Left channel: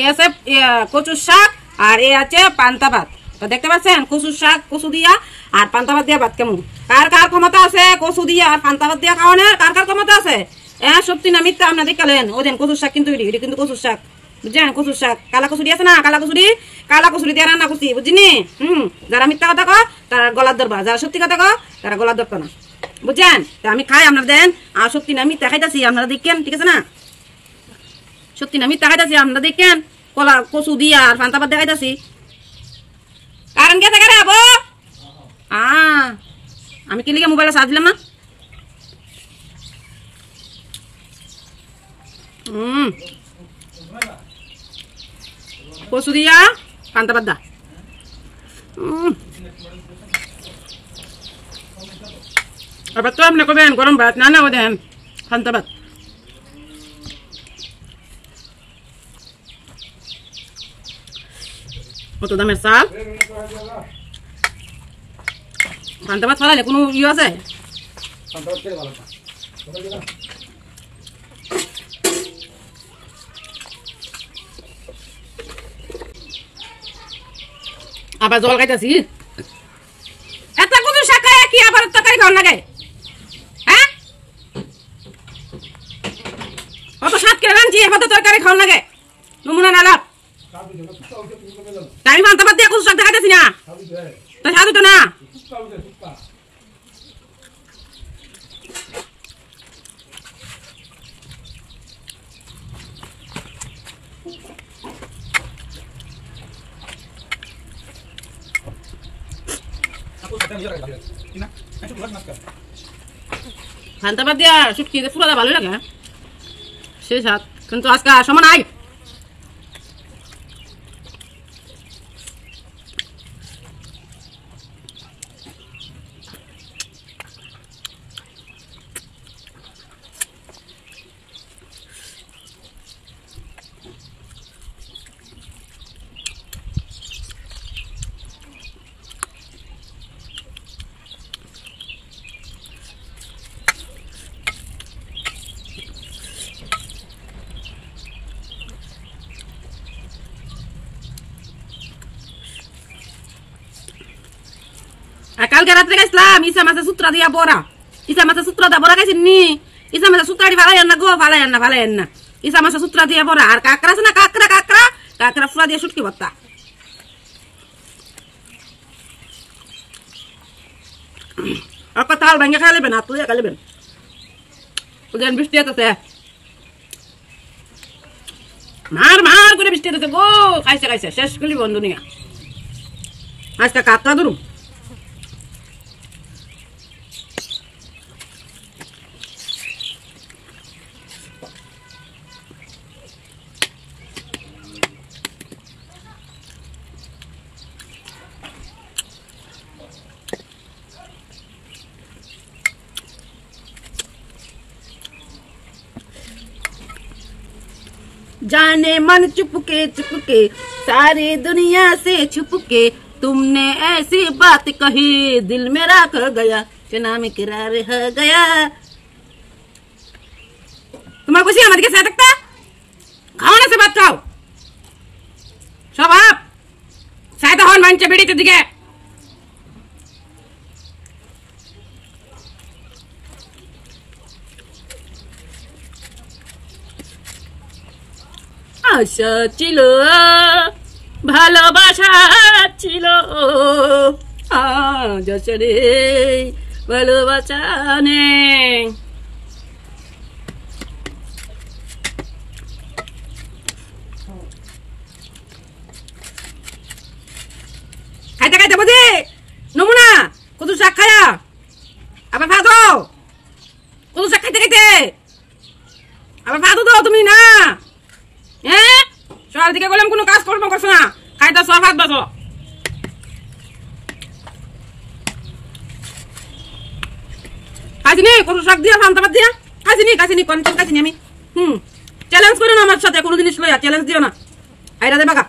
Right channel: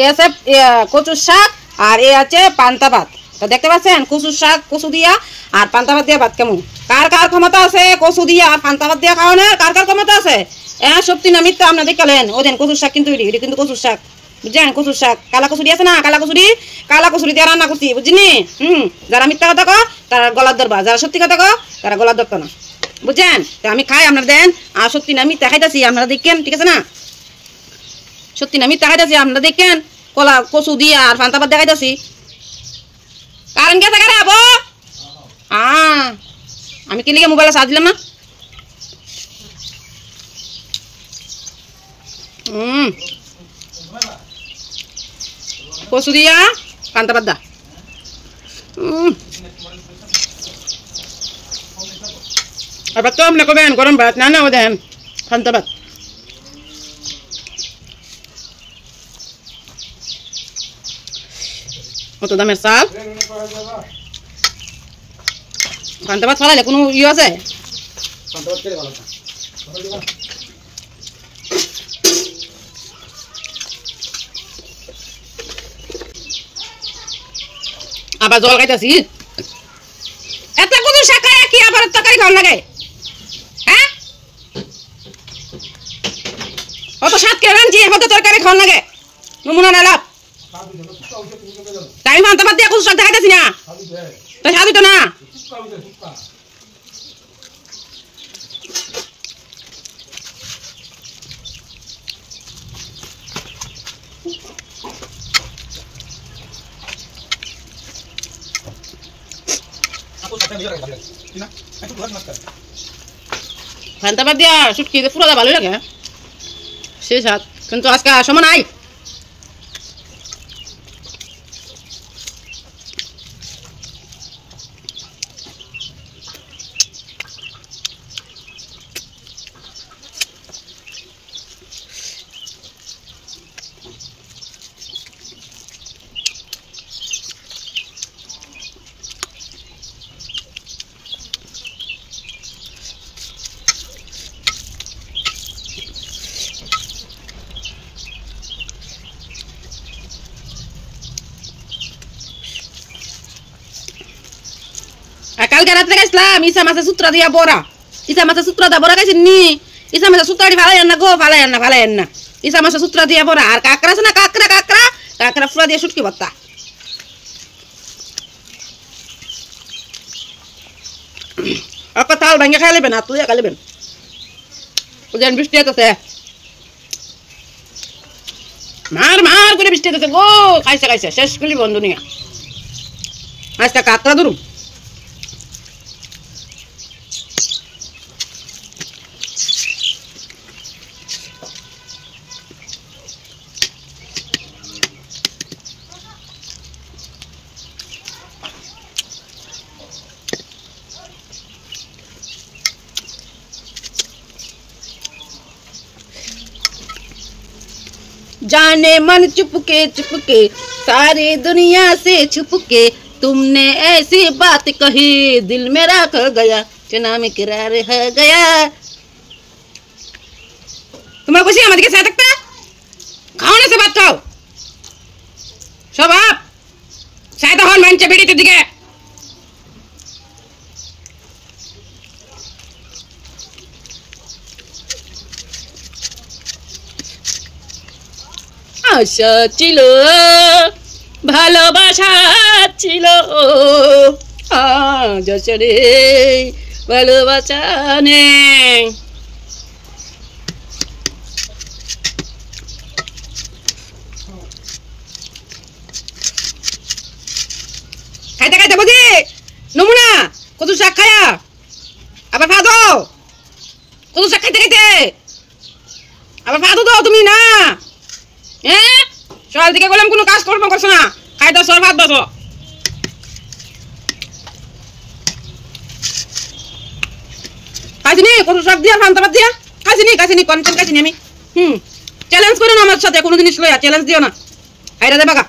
এ আছে কচুর শাক আর এ আছে পান্তা ভাত। তো দেখতে পাচ্ছেন কচুর শাক কচু দিয়া আর পান্তা ভাত দিয়া ভাত কেমন। কার কার ক্ষমতা আছে কচু দিয়া আর পান্তা ভাত দিয়া খাওয়া না? কার কার ক্ষমতা আছে? সত্যি না মিথ্যা আপনাদের দেখলেন? ওদেন কচুর শাক কিন্তু এটা কিন্তু কচুর শাক, বুঝছেন? কচুর শাক কালা কচুরি আছে না, কালা কচুরি দিয়ে রান্না করছি, বুঝিনি? যারা মিথ্যা কথা কয় তারা গলার ধরবা, যারা সত্যি কথা কয় তারা গলার ধরতো না, বুঝছেন? তো আমি খাই, আপনারা দেন। আর সত্যি না মিথ্যা খাইতেছি আপনারা দেখেন, ঠিক আছে না? সত্যি না মিথ্যা খাইতেছি আপনারা দেখেন। কলা কচু দিয়া আর পান্তা ভাত দেখাইতেছি। কারেন্ট গেছে কারে আবো? আমি কি লিগে মোবাইলে চার্জ দিলাম না? কচু দিয়া পান্তা ভাত দা। আবার তো আপনি করবেন গরম ভাত না, না ও দেন পান্তা ভাত। কত দামের চাল, পান্তা ভাত ফালাইলে কোনো ইয়ে আছে? আবার জল খাইতেছি। এত কচু শাক খায় কি আবার তরকারি খাওয়ার লাগে? হ্যাঁ, অত শাক কে রাঁধছি, কত তরকারি খাওয়ার লাগে? নমুনা না লাভ। আমি পান্তা ভাত দিয়ে কচু শাক দেখাইতেছি না, তো স্বাদ হইতো না? পান্তা ভাত দিয়া শুটকি পুরো ভালো লাগে, সে স্বাদ। কিন্তু আজকে সময় নাই। কালকে রাত্রে খাইছিলাম ইসা মাছের সূত্রা দিয়া বড়া। ইসা মাছের সূত্রা দিয়া বড়া খাইছেন নি? ইসা মাছের সূত্রাটি ফালাই না গো, ফালাই না। ইসা মাছের সূত্রা দিয়া বড়া। আর কাঁকড়া আছে না, কাঁকড়া ফুলা দিয়ে শুটকি ভর্তা। একটা তাল ভেঙে খাই নেবেন, আর তুই খাই নেবেন। ওদের বৃষ্টি হতেছে, মার করে বৃষ্টি হতেছে গো। খাইছে শেষ করলি বন্ধু নিয়ে। আজকে কাঁকড়া ধরুন। जाने मन चुपके सारी दुनिया से छुपके तुमने ऐसी बात कही दिल मेरा खो गया चना में किरार हो गया। तुम्हारे खुशी हमारे के साथ तकता खाओ ना से बात खाओ सब आप शायद हॉर्न मंच बेड़ी तो दिखे। আশা ছিল ভালোবাসা ছিল আজ রে ভালোবাসা নেই। খাইতে বুঝি নমুনা কত শাক খায়া আবার ফাদো কত শাক খাইতে আবার ফাদো দাও তুমি না। হ্যাঁ সকাল থেকে বললাম কোনো কাজ কর্ম করছো না, খাইতে সব ভাত বসো। খাইছিনি কত শাক দিয়া পান্তা ভাত দিয়া খাইছিনি কন্টেন্ট খাইছিনি আমি। চ্যালেঞ্জ করো না আমার সাথে কোনো জিনিস লইয়া, চ্যালেঞ্জ দিও না। আইরা দে বাগা।